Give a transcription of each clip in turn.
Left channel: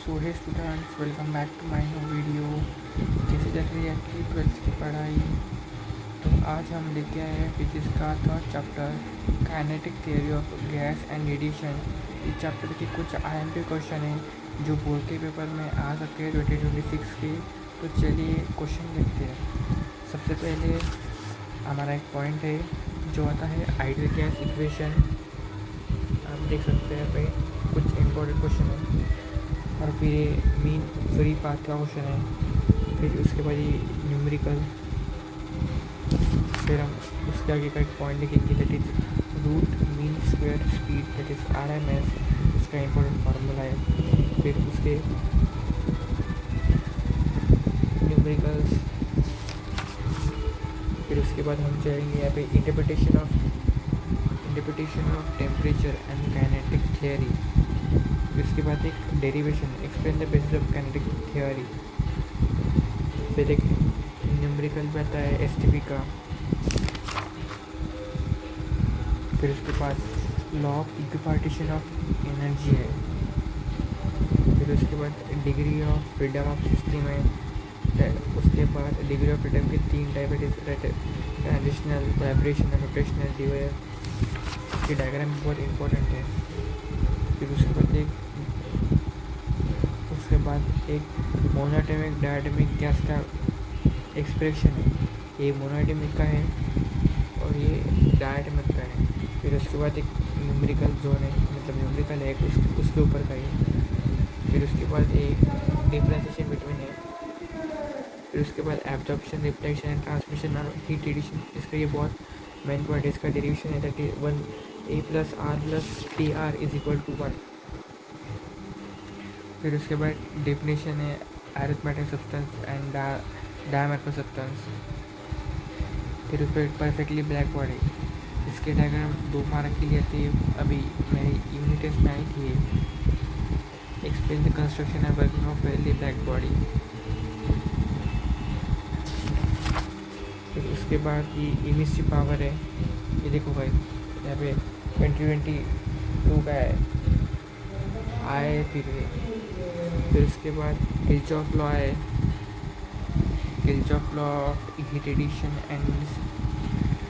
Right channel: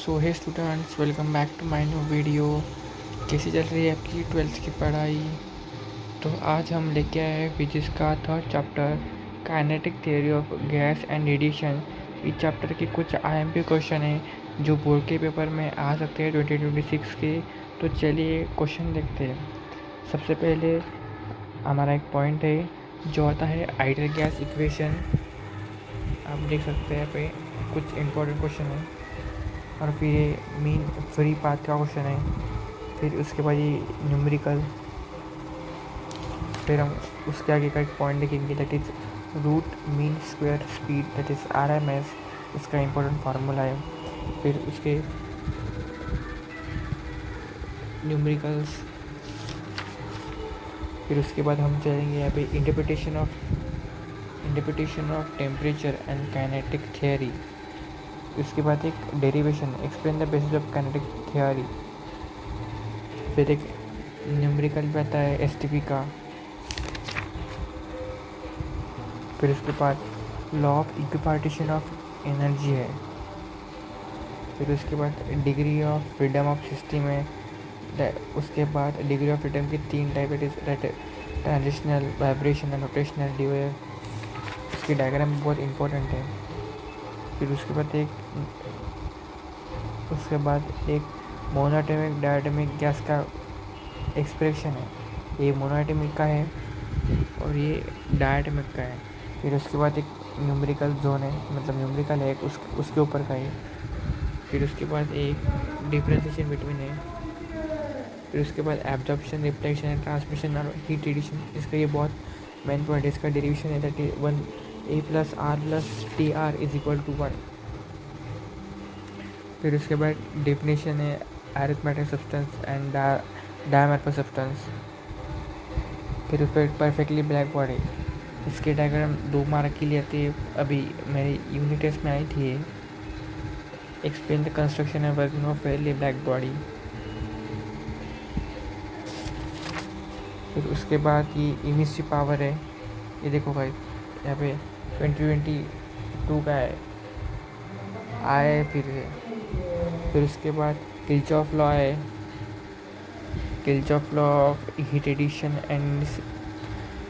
So hey students, welcome back to my new video. कैसी चल रही है आपकी 12th की पढ़ाई? तो आज हम लेके आए हैं फिजिक्स का third chapter, kinetic theory of gas and radiation. इस चैप्टर के कुछ IMP क्वेश्चन हैं जो बोर्ड के पेपर में आ सकते हैं 2026 के। तो चलिए क्वेश्चन देखते हैं। सबसे पहले हमारा एक पॉइंट है जो आता है आइडियल गैस इक्वेशन। आप देख सकते हैं पे कुछ इंपॉर्टेंट क्वेश्चन है। और फिर ये मीन फ्री पाथ का क्वेश्चन है। फिर उसके बाद ये न्यूमेरिकल। फिर हम उसके आगे का एक पॉइंट लिखेंगे that is root mean square speed that is RMS। इसका इंपॉर्टेंट फार्मूला है। फिर उसके न्यूमेरिकल्स। फिर उसके बाद हम चलेंगे यहाँ पे interpretation of temperature and kinetic theory. इसके बाद एक derivation, explain the basis of kinetic theory. फिर एक न्यूमेरिकल भी आता है STP का। फिर उसके बाद law of equipartition of energy है। फिर उसके बाद degree of freedom of system है। उसके बाद डिग्री ऑफ फ्रीडम की 3 टाइप है, ट्रांजिशनल, वाइब्रेशनल, रोटेशनल, ड्यूएल। उसकी डायग्राम बहुत इंपॉर्टेंट है। फिर उसके बाद एक मोनोएटॉमिक डायटॉमिक गैस का एक्सप्रेशन है। ये मोनोएटॉमिक का है और ये डायटॉमिक का है। फिर उसके बाद एक न्यूमेरिकल जोन है, मतलब न्यूमेरिकल है उसके ऊपर का है। फिर उसके बाद एक डिफरेंशिएशन बिटवीन है। फिर उसके बाद एब्जॉर्प्शन, रिफ्लेक्शन एंड ट्रांसमिशन और हीट रेडिएशन। इसका ये बहुत मेन पॉइंट है। इसका डेरिवेशन है that is 1A + R + TR = 1। फिर इसके बाद डेफिनेशन है अरिथमेटिक सब्सटेंस एंड डायमॉर्फस सब्सटेंस। फिर उस पर परफेक्टली ब्लैक बॉडी। इसके डायग्राम 2 मार्क के लिए आती है। अभी मेरे यूनिट टेस्ट में आई थी ये। Explain the construction and working of Fairlie black body. फिर उसके बाद ये इमिसिव पावर है। ये देखो भाई, यहाँ पे 2022 का है आए। फिर उसके बाद किर्चॉफ लॉ है, Kirchhoff law of heat addition and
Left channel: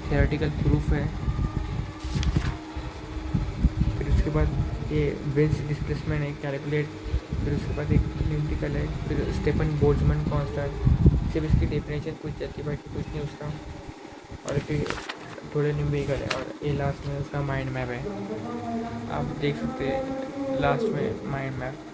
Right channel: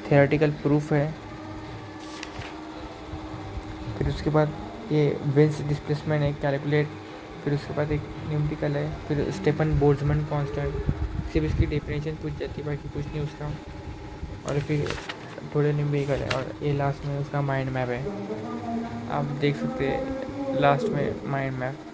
theoretical proof है। फिर उसके बाद ये वेन्स डिस्प्लेसमेंट है, कैलकुलेट। फिर उसके बाद एक न्यूमेरिकल है। फिर स्टेफन बोल्ट्जमैन कांस्टेंट, सिर्फ इसकी डेफिनेशन पूछ जाती है, बाकी कुछ नहीं उसका। और फिर थोड़े न्यूमेरिकल है और ये लास्ट में उसका माइंड मैप है। आप देख सकते हैं लास्ट में माइंड मैप।